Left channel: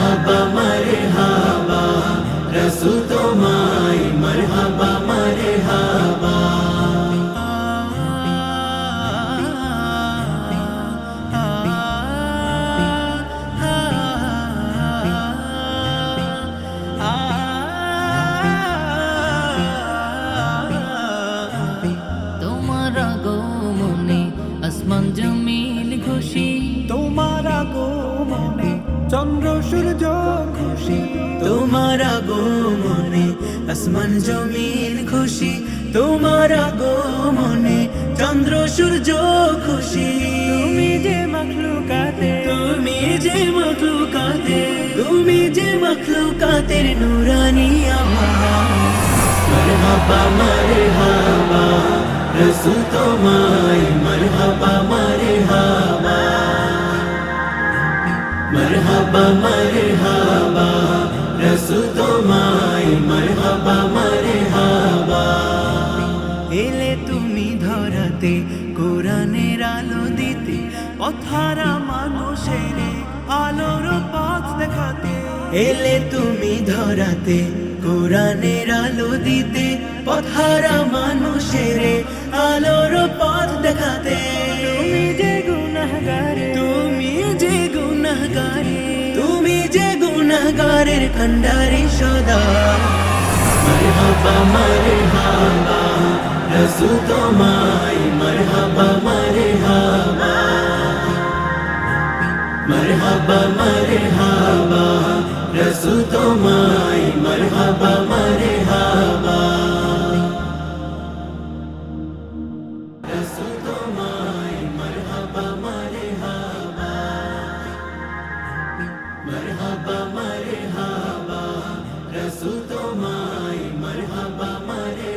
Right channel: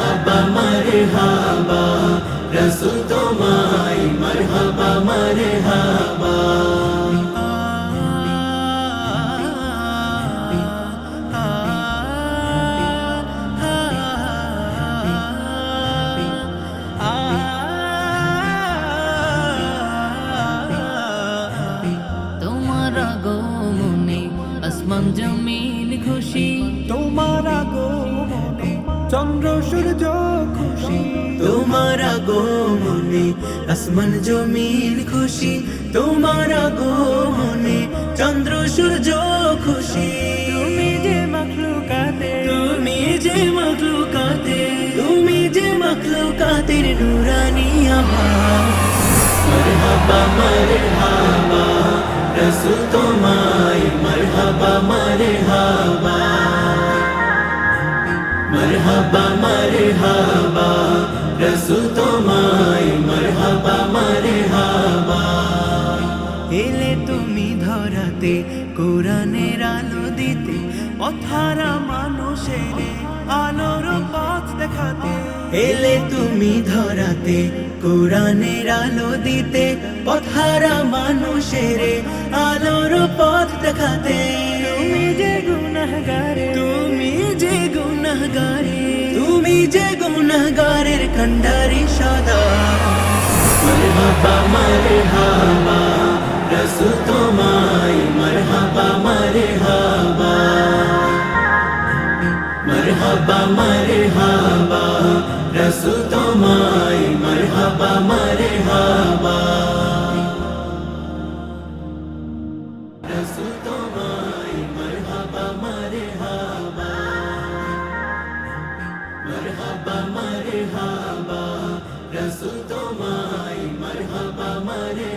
মরহাবা মরহাবা রসুল তোমায় মরহাবা মরহাবা মন জমিন খুশি তোমারা গো মনে চন্দ্র সূর্য খুশি তোমার মনে আসমান জমিন খুশি তোমার মনে চন্দ্র সূর্য খুশি তুমি যে মখলু কাতে তুমি যে মখলু কাতে তুমি যে মখলু কাতে নুরানি আমার মরহাবা মরহাবা রসু তোমায় মরহাবা মরহাবা মরহাবা মরহাবা রসু তোমায় মরহাবা এলে তুমি ধরাতে কোরআনের আলো দিতে পথারা মানুষের আলোর পথ দেখাতে এলে তুমি ধরাতে কোরআনের আলো দিতে পথারা মানুষের আলোর পথ দেখাতে তুমি যে গুনাগারে তুমি যে গুনাগারে गारिर कंडारी शादा मरहबा मरहबा रसू तो माई मरहबा मरहबा मरहबा मरहबा সুতো মাই মরহবা মরে